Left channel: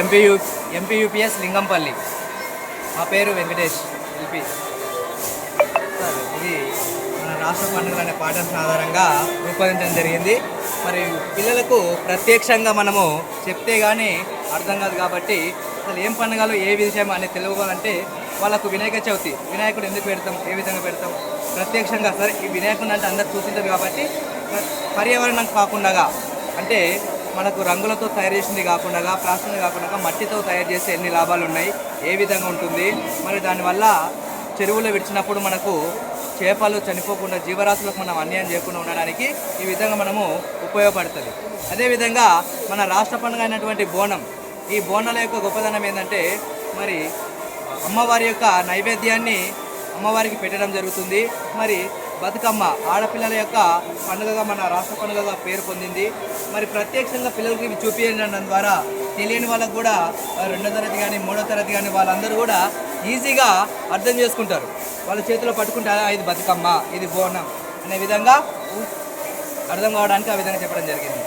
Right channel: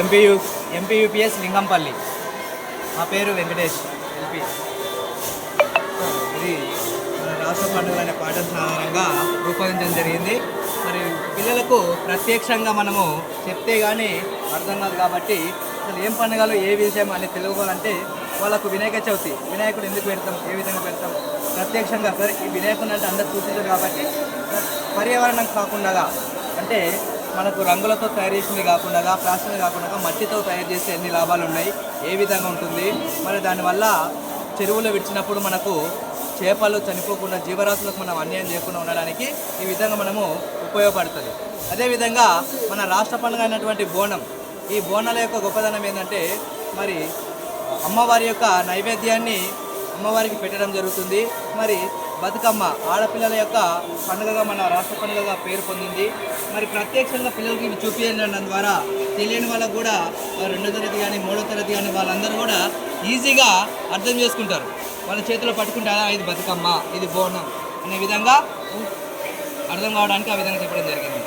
MPU MPUPS Lingampalli. మా పేరు Venkatesh MP. ఇది మన రాష్ట్ర పండుగ అనే పాఠ్యాంశం ఆధారంగా రూపొందించడం జరిగింది. మరి పిల్లలకు ప్రత్యక్షంగా మనము చెప్తే కానీ అర్థం కాదు కాబట్టి అసలు ఏం పండుగలు ఏ విషయం అనేది తెలుసుకోవాలంటే వాళ్ళకు వినాయక చవితి, వినాయకుడు ఎందుకు పెడతాం, ఏ విధంగా పెడతాం, ప్రత్యక్షంగా సార్ ఈ వినాయకుడు అంటే అందరు చూసింటారు కాబట్టి పర్యావరణం కాకుండా అంటే మనకు రంగులతో తయారు చేసింది కాకుండా, ప్లాస్టిక్ కాకుండా మట్టితో తయారు చేస్తే ఎన్ని లాభాలు ఉన్నాయి, ఏ విధంగా ఉంటుంది, మరి దానివల్ల చెరువులో విడిచినప్పుడు మనకు చేపలు చనిపోకుండా జీవరాశులకు మనం అన్యాయం చేయకుండా ఉండడానికి ఈ విధంగా మనము ఉపయోగపడుతుంది. అదేవిధంగా మన రాష్ట్ర పండుగ అయినటువంటి బోనం, ఈ బోనాల యొక్క గొప్పదనం ఏంటంటే మరి అమ్మవారి యొక్క నైవేద్యాన్ని అమ్మవారికి పెట్టడం జరుగుతుంది. మరి బతుకమ్మ ఆడపిల్లల యొక్క పండుగగా మన రాష్ట్ర పండుగగా పేరు పొందింది. మరి ప్రత్యక్షంగా పిల్లలకి ఇవి చూపించడం ద్వారా తెలియని వాళ్ళకు కూడా 2వ తరగతి కానీ 3వ తరగతి కానీ వాళ్ళందరూ కూడా ఈజీగా అర్థం చేసుకుంటారు. వాళ్ళ చేతిలో పట్టుకుంటే ఇది బతుకమ్మ, ఇది బోనం అనే విధంగా అర్థం కావడానికి ఆ విధంగా చెప్పడం జరిగింది.